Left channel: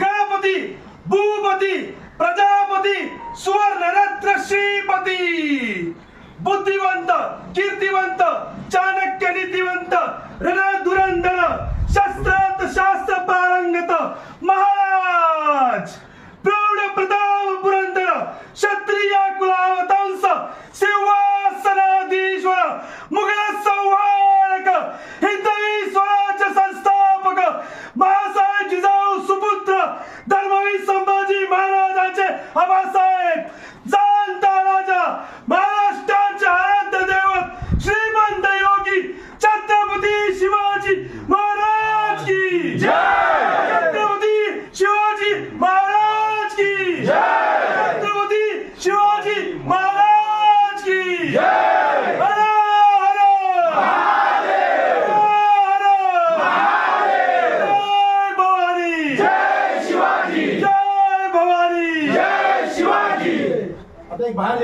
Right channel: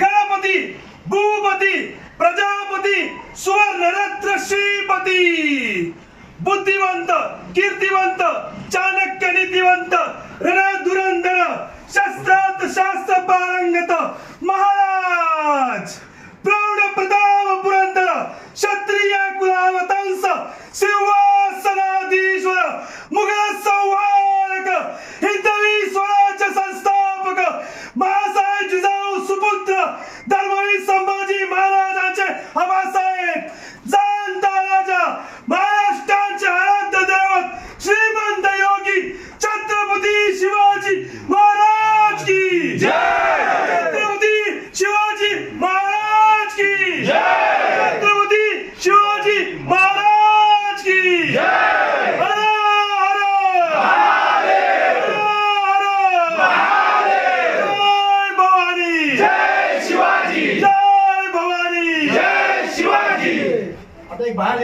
गणपती भूपती प्रजापती सुवर्णरत्न श्रीपती बुद्धिवंत कीर्तिवंत चाणक्य नीतिवंत रणधुरंधर शस्त्रात शास्त्र पारंगत महाराज प्रौढ प्रताप पुरंदर क्षत्रिय कुलावतंस सिंहासनाधीश्वर मुघल संहारक हिंदवी स्वराज्य संस्थापक महासाहेब जिजाऊ सुपुत्र धर्मवीर संभाजी महाराजांचे आबासाहेब जाणता राजा महाराष्ट्राचे आराध्य दैवत श्रीमंत योगी छत्रपती शिवाजी महाराज की जय। छत्रपती शिवाजी महाराज की जय। छत्रपती शिवाजी महाराज की जय। हर हर महादेव हर हर महादेव। जय भवानी जय शिवाजी जय भवानी जय शिवाजी। आता एक बाहेर